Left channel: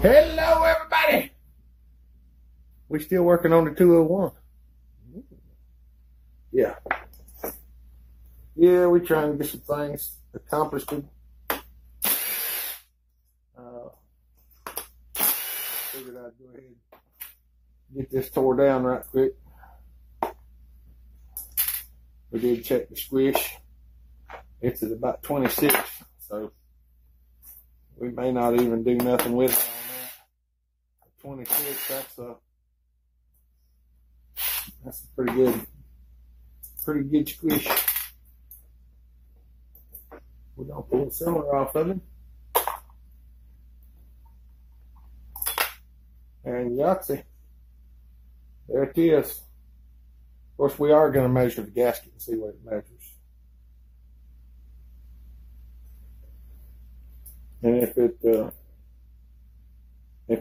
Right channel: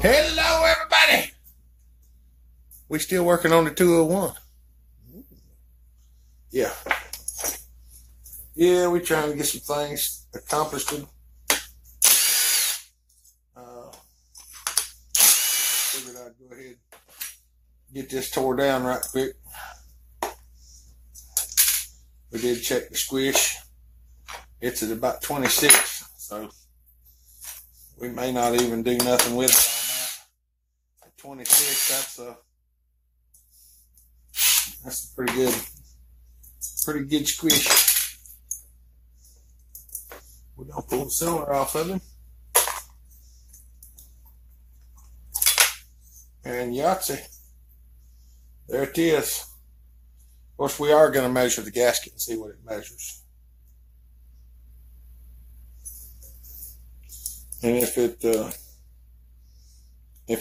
Hello, everybody. We still working on the 201. Yeah. Yeah, we trying to get some things accomplished. Figured I'd go ahead and get this tore down right quick. We did check the squish. It's at about 26, so we may not even do nothing with it on that. At 26, that's a pretty good squish. We're gonna pull the cylinder off of him. And Yahtzee. There it is. Of course, we are going to measure the gasket and see what it measures. And if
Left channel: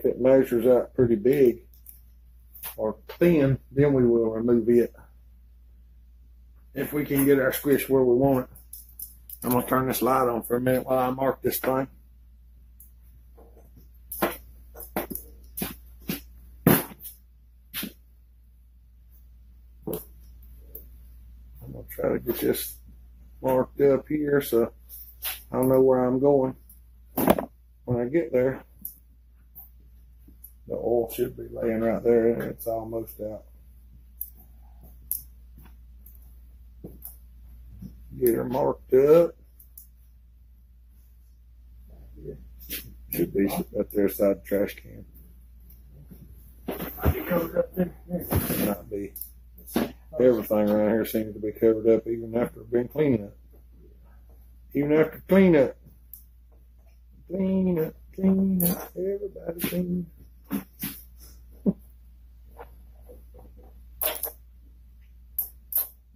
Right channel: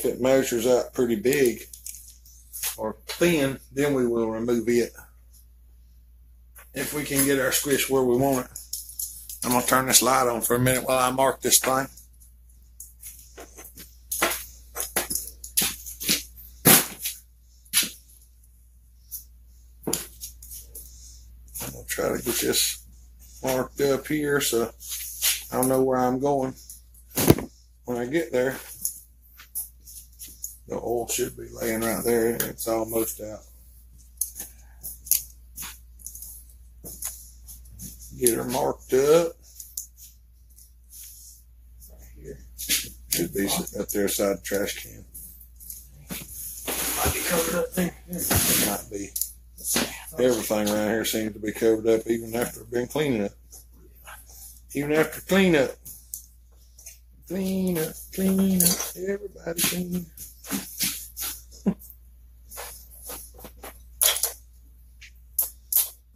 it measures out pretty big or thin, then we will remove it. If we can get our squish where we want it. I'm going to turn this light on for a minute while I mark this thing. I'm going to try to get this marked up here so I'll know where I'm going when I get there. The oil should be laying right there and it's almost out. Get her marked up. Right here. Should be up there beside the trash can. Might be covered up there. It might be. Everything around here seems to be covered up even after I've been cleaning it. Even after cleanup. Clean up, everybody clean.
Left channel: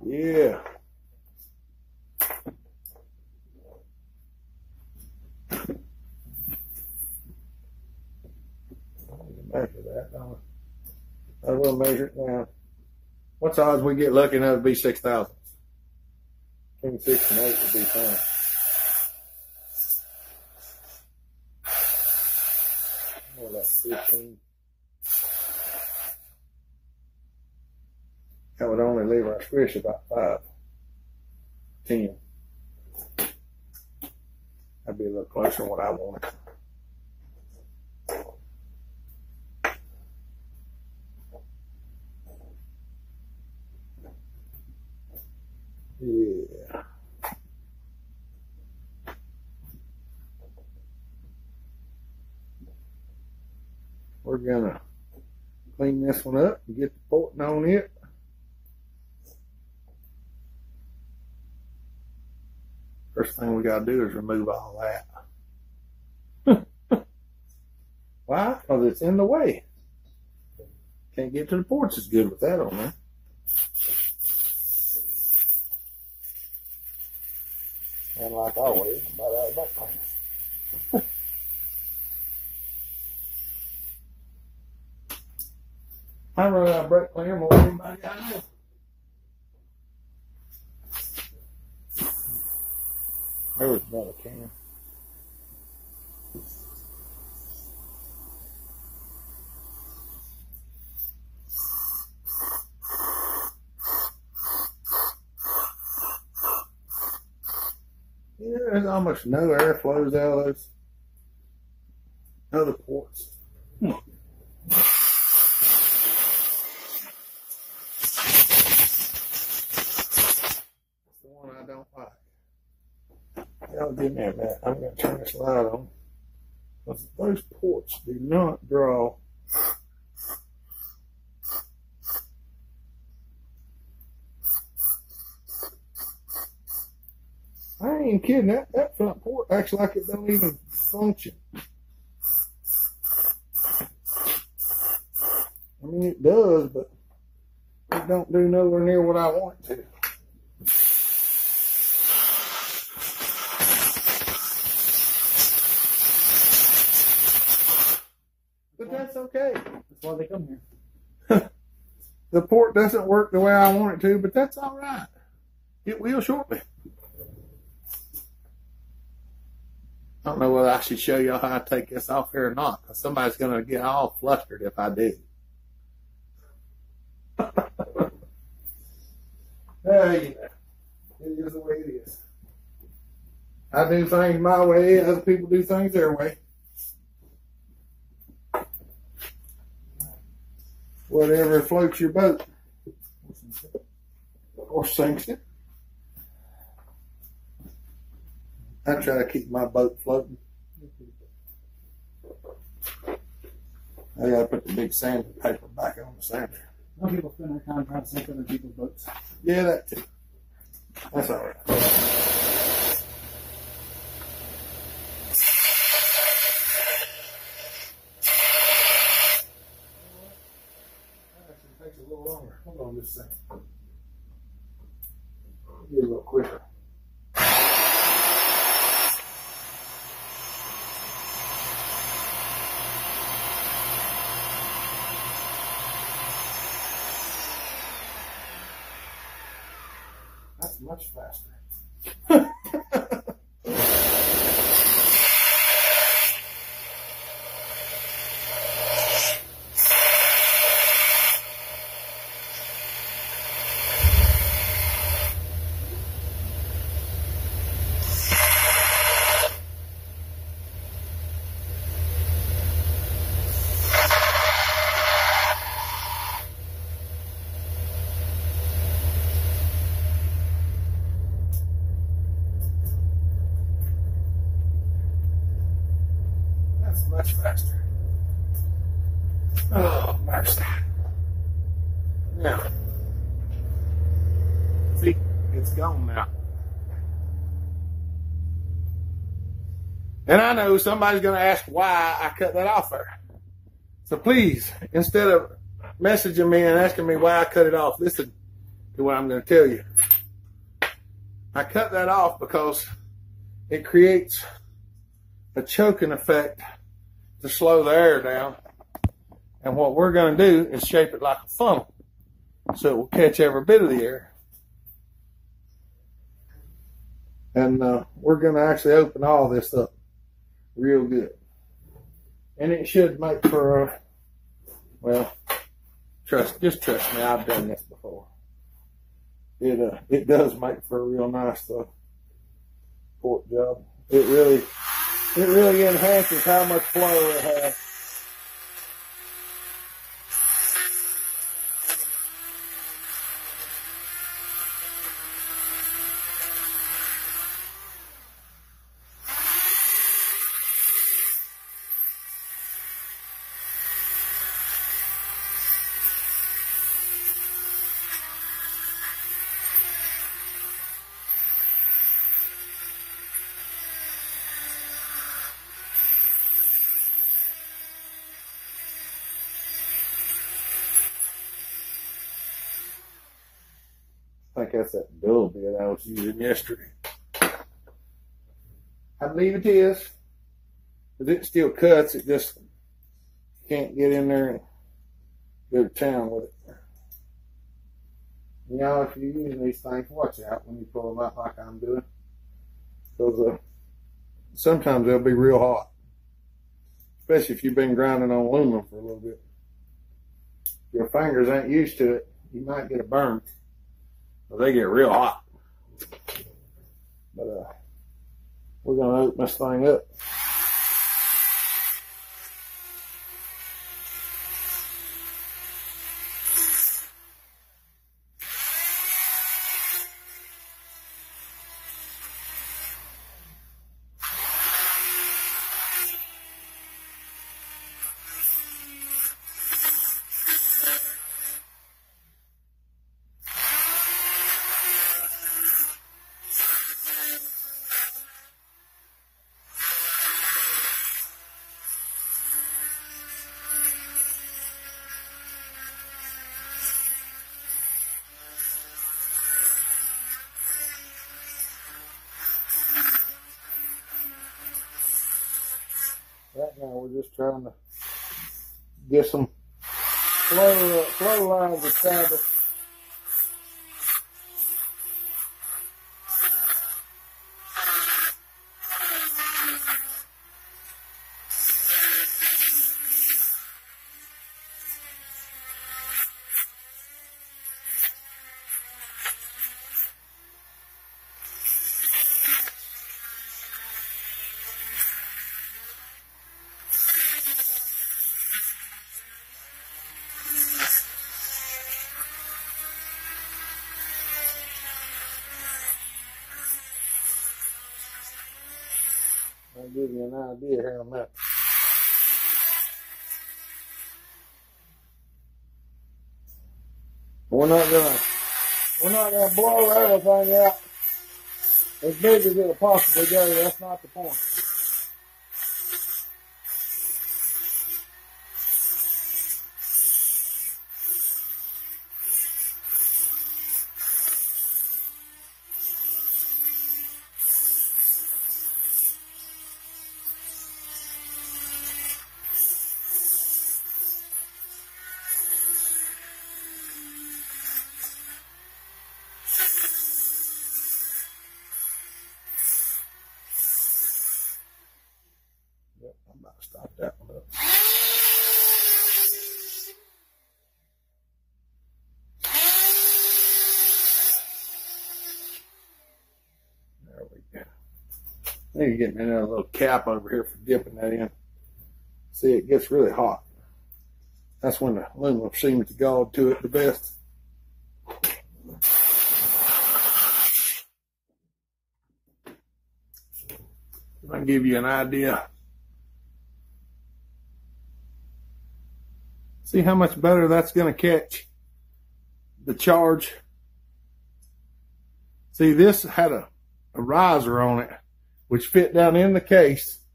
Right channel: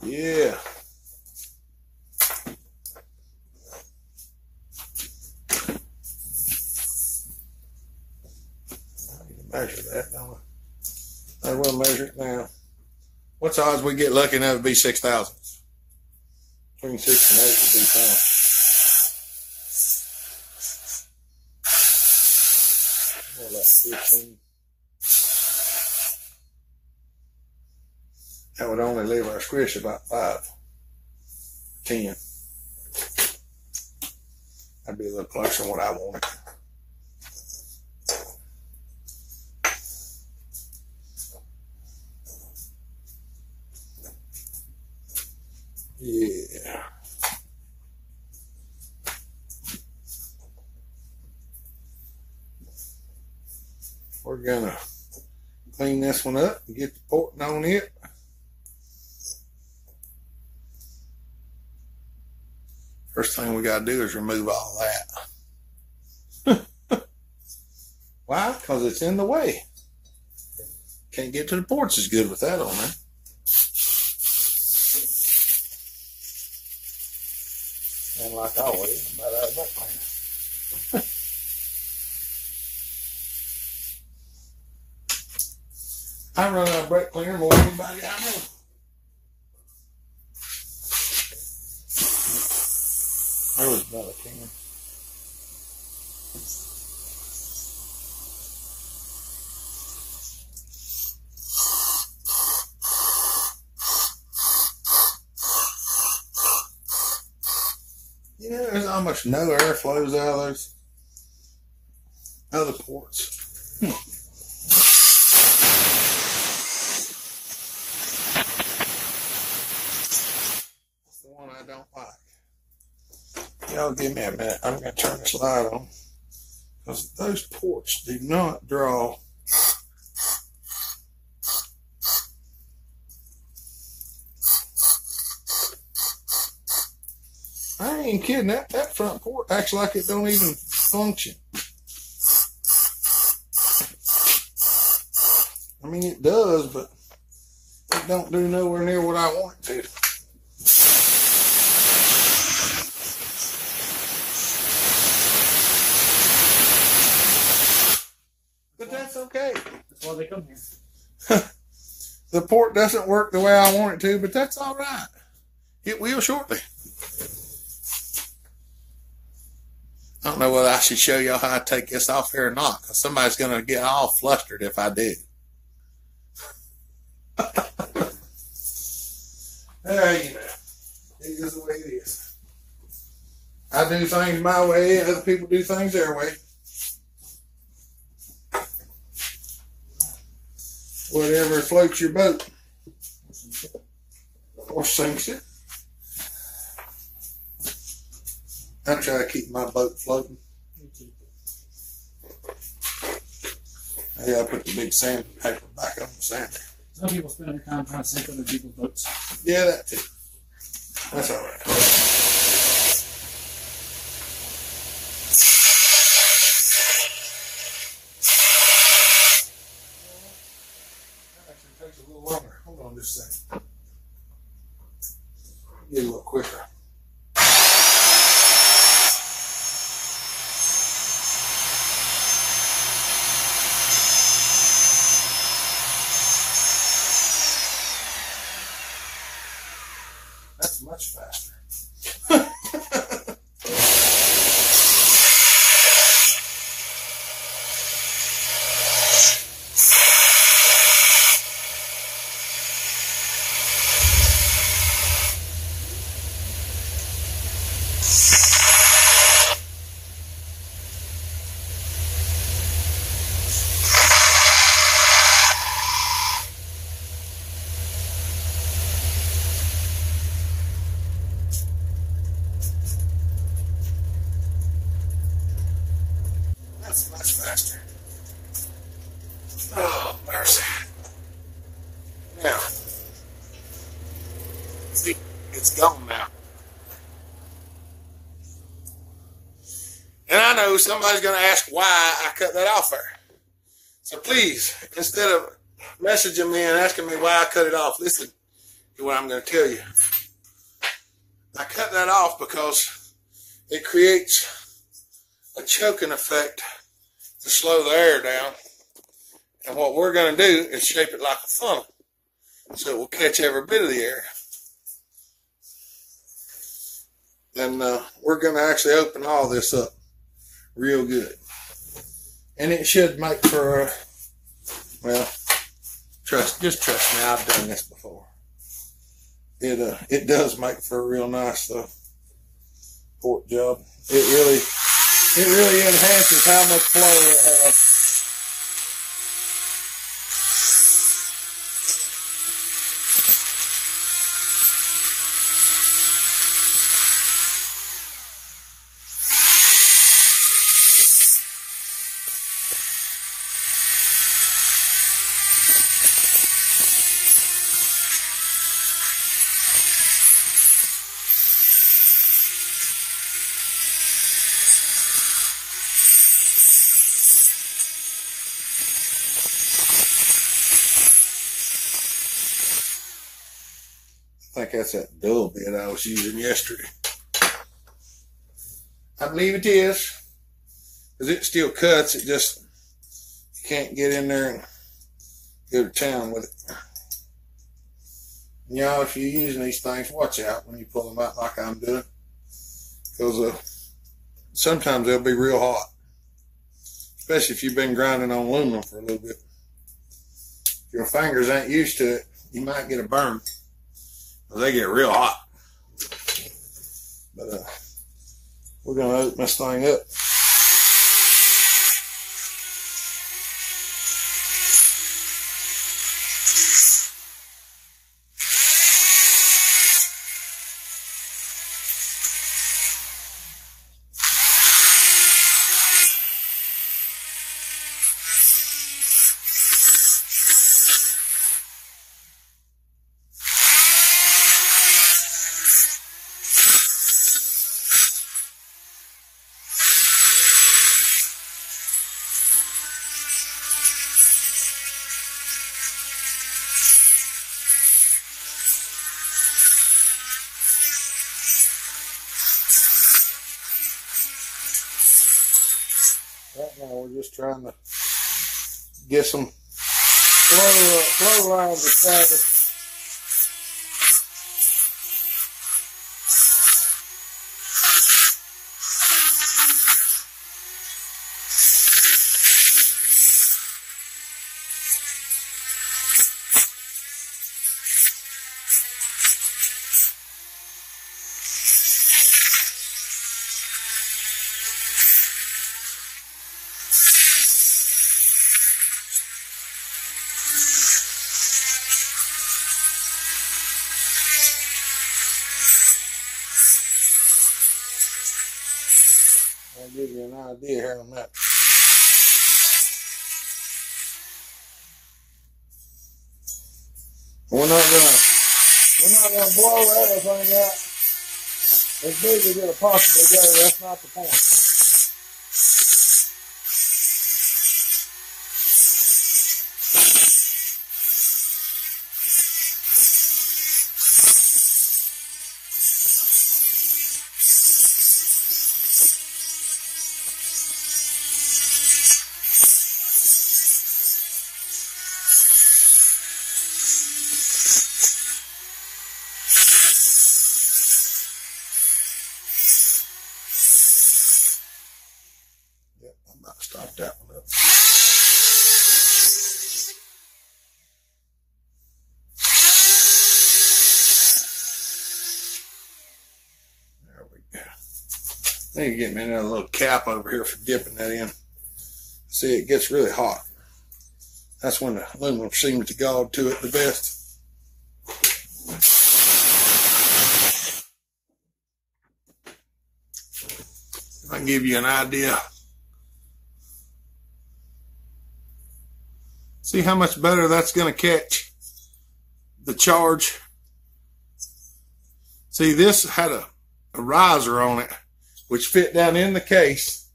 Yeah. I need to measure that, don't I? I will measure it now. What's the odds we get lucky enough to be 6 thousandths? Between 6 and 8 would be fine. More like 15. That would only leave our squish about 5, 10. That'd be a little closer than what I wanted. Yeah. We're gonna clean this one up and get the porting on it. First thing we gotta do is remove all that. Why? Because it's in the way. Can't get to the ports as good with that on there. And like always, I'm about out of brake cleaner. I run out of brake cleaner more than anybody I know. There was another can. Yeah, there's almost no air flows out of those other ports. That's the one I don't like. Y'all give me a minute. I'm going to turn this light on. Because those ports do not draw. I ain't kidding. That front port acts like it don't even function. I mean, it does, but it don't do nowhere near what I want it to. But that's okay. That's why they come here. The port doesn't work the way I want it to, but that's all right. It will shortly. I don't know whether I should show y'all how I take this off here or not, because somebody's going to get all flustered if I do. There you go. It is the way it is. I do things my way, and other people do things their way. Whatever floats your boat. Or sinks it. I try to keep my boat floating. I gotta put the big sandpaper back on the sander. Some people spend their time trying to sink other people's boats. Yeah, that too. That's all right. That actually takes a little longer. Hold on just a second. Get a little quicker. That's much faster. Much faster. Oh, mercy. Now, see, it's gone now. And I know somebody's going to ask why I cut that off there. So please, instead of messaging me and asking me why I cut it off, listen to what I'm going to tell you. I cut that off because it creates a choking effect to slow the air down. And what we're going to do is shape it like a funnel so it will catch every bit of the air. And we're going to actually open all this up real good. And it should make for a, well, just trust me, I've done this before. It does make for a real nice port job. It really enhances how much flow it has. I think that's that dull bit I was using yesterday. I believe it is, because it still cuts. It just, you can't get in there and go to town with it. You know, if you're using these things, watch out when you pull them out like I'm doing, because sometimes they'll be real hot, especially if you've been grinding on aluminum for a little bit. If your fingers ain't used to it, you might get a burn. They get real hot. But we're going to open this thing up. Right now we're just trying to get some flow lines established. give you an idea here in a minute. We're not gonna blow everything out as big as it'll possibly go. That's not the point. Yep, I'm about to stop that one up. There we go. I need to get me another little cap over here for dipping that in. See, it gets really hot. That's when the aluminum seems to go to it the best. If I can give you an idea. See how much better that's going to catch the charge. See, this had a riser on it, which fit down in the case,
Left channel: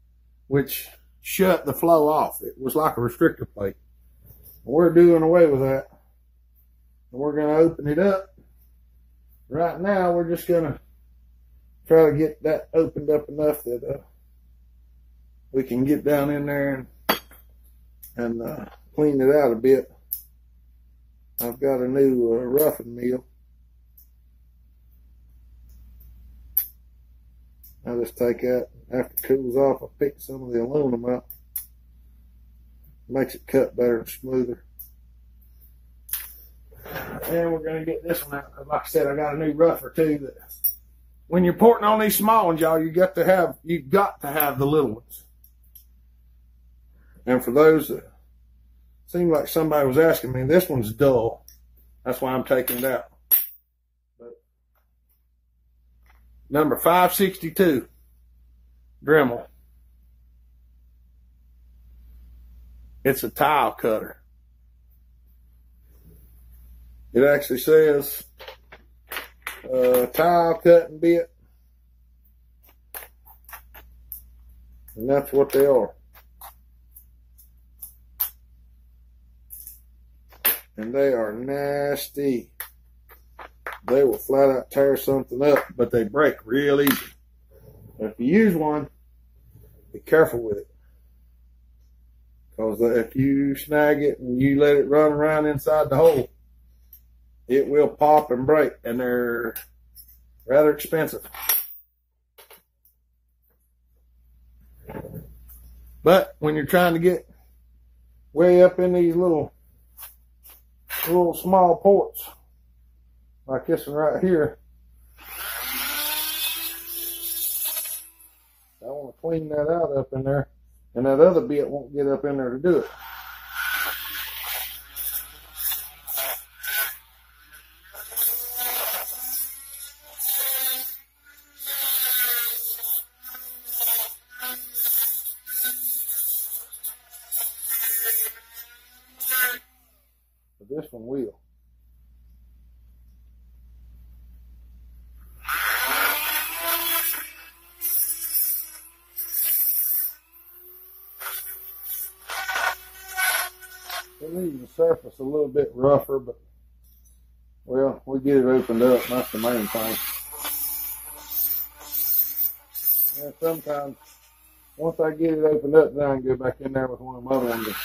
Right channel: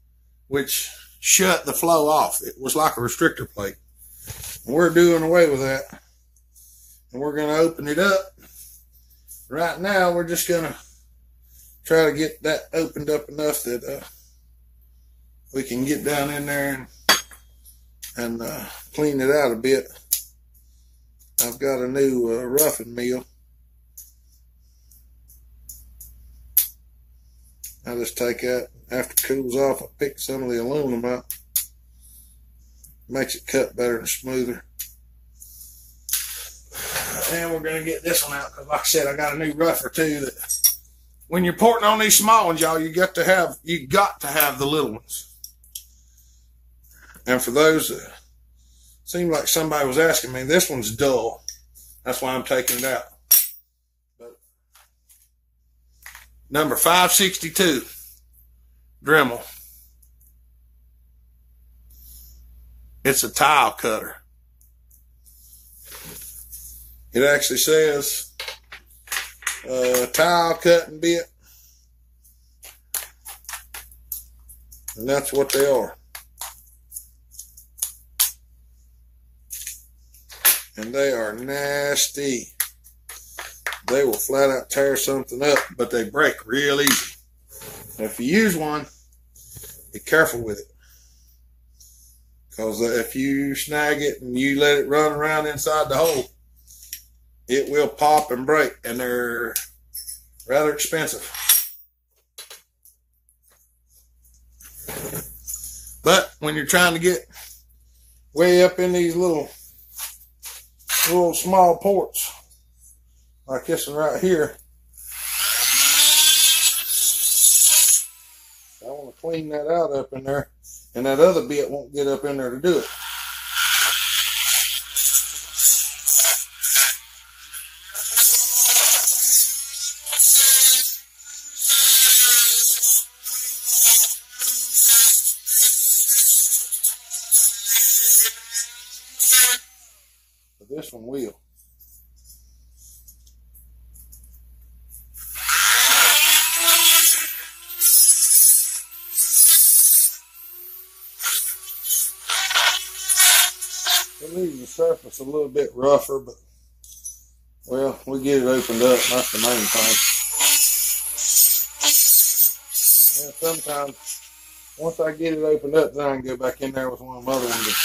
which shut the flow off. It was like a restrictor plate. And we're doing away with that. And we're going to open it up. Right now, we're just going to try to get that opened up enough that we can get down in there and clean it out a bit. I've got a new roughing mill. I just take that, after it cools off, I pick some of the aluminum out. Makes it cut better and smoother. And we're going to get this one out, because like I said, I got a new rougher too. That when you're porting on these small ones, y'all, you got to have the little ones. And for those that seemed like somebody was asking me, this one's dull. That's why I'm taking it out. But number 562 Dremel. It's a tile cutter. It actually says tile cutting bit. And that's what they are. And they are nasty. They will flat out tear something up, but they break real easy. And if you use one, be careful with it. Because if you snag it and you let it run around inside the hole, it will pop and break, and they're rather expensive. But when you're trying to get way up in these little small ports, like this one right here, I want to clean that out up in there, and that other bit won't get up in there to do it. But this one will. It leaves the surface a little bit rougher, but, well, we get it opened up. That's the main thing. And sometimes, once I get it opened up, then I can go back in there with one of my other ones and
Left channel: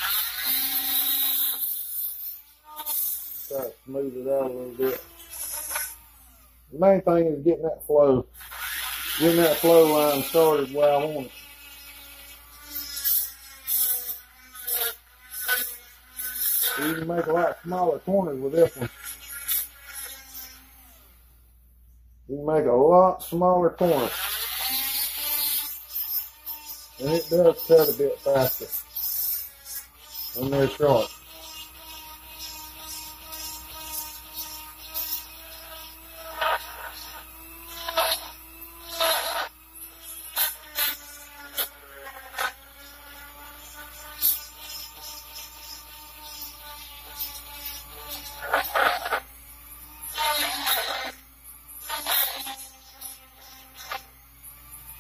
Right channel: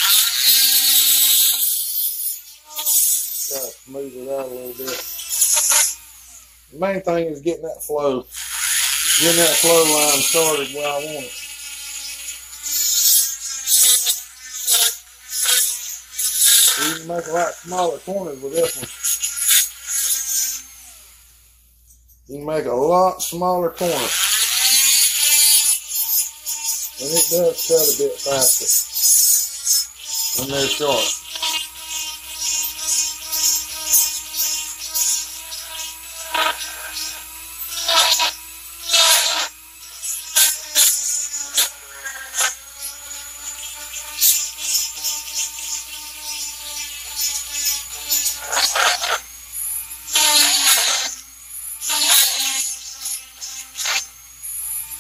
try to smooth it out a little bit. The main thing is getting that flow line started where I want it. You can make a lot smaller corners with this one. You can make a lot smaller corners. And it does cut a bit faster when they're short.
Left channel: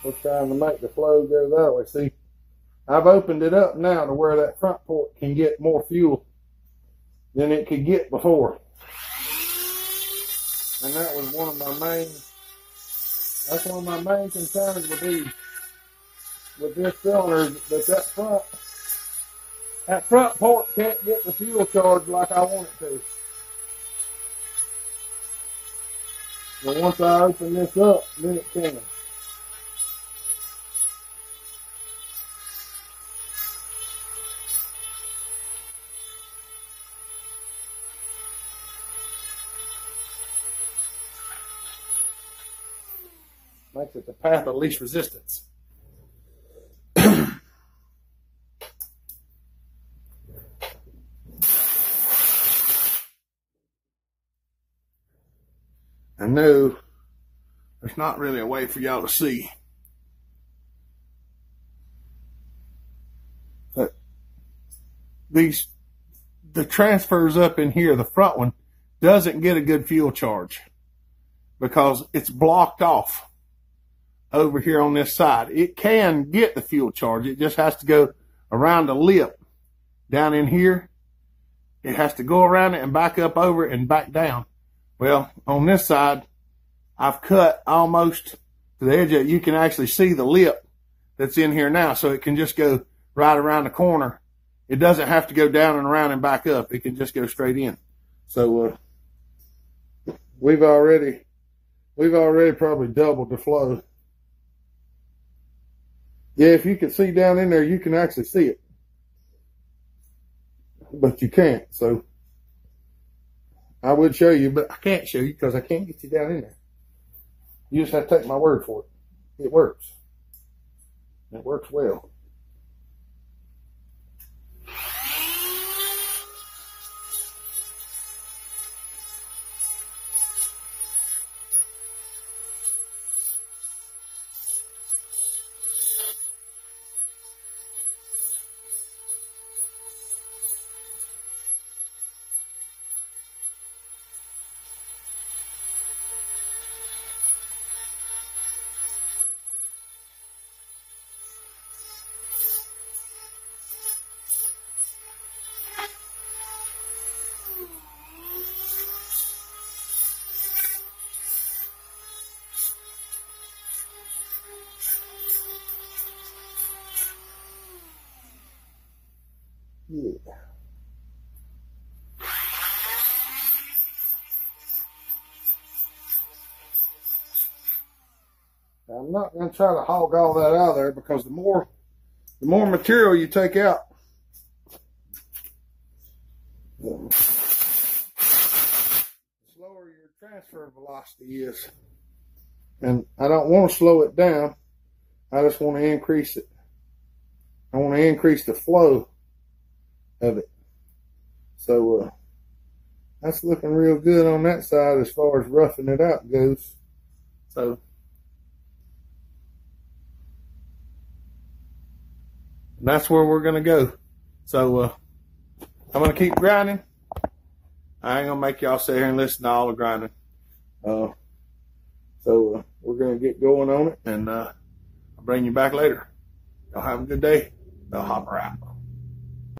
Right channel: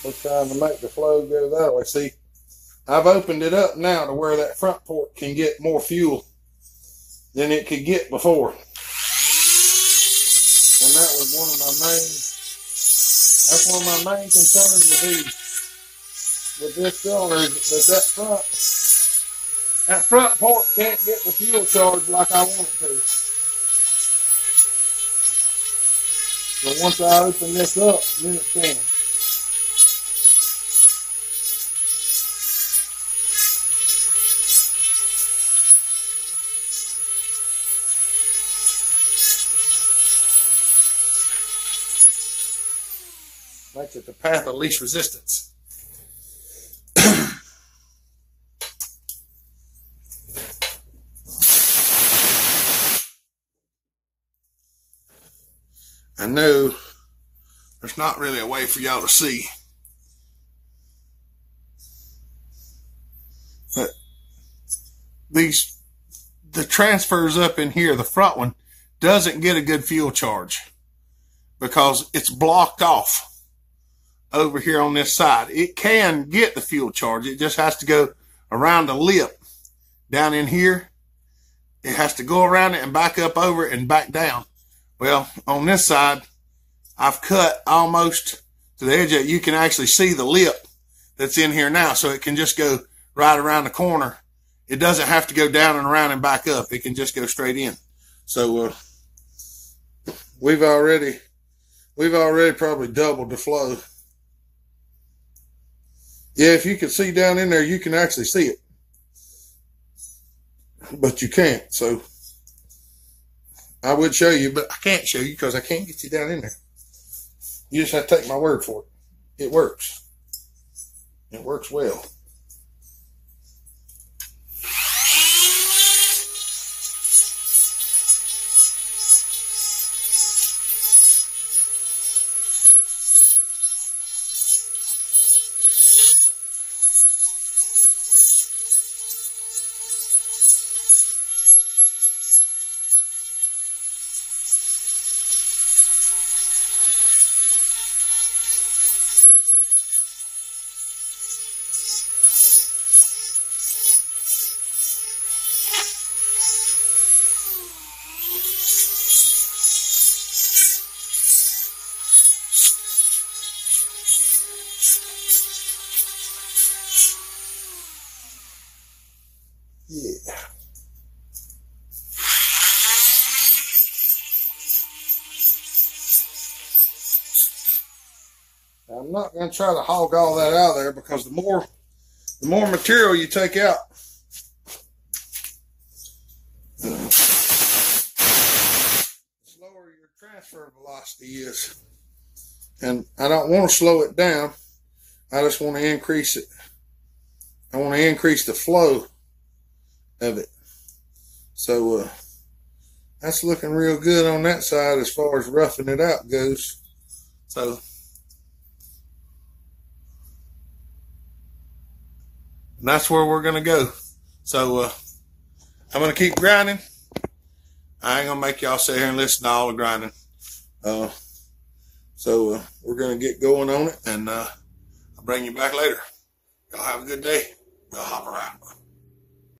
We're trying to make the flow go that way. See, I've opened it up now to where that front port can get more fuel than it could get before. And that was one of my main concerns with this cylinder, that front port can't get the fuel charge like I want it to. But once I open this up, then it can. Makes it the path of least resistance. I know there's not really a way for y'all to see, but the transfers up in here, the front one doesn't get a good fuel charge because it's blocked off over here on this side. It can get the fuel charge. It just has to go around the lip down in here. It has to go around it and back up over it and back down. Well, on this side, I've cut almost to the edge of it. You can actually see the lip that's in here now. So it can just go right around the corner. It doesn't have to go down and around and back up. It can just go straight in. So, we've already probably doubled the flow. Yeah, if you can see down in there, you can actually see it. But you can't, so I would show you, but I can't show you because I can't get you down in there. You just have to take my word for it. It works. It works well. Yeah. Now, I'm not going to try to hog all that out of there because the more material you take out, the slower your transfer velocity is. And I don't want to slow it down. I just want to increase it. I want to increase the flow of it. So that's looking real good on that side as far as roughing it out goes. So that's where we're going to go. So I'm going to keep grinding. I ain't going to make y'all sit here and listen to all the grinding. So we're going to get going on it, and I'll bring you back later. Y'all have a good day. Bellhopper out.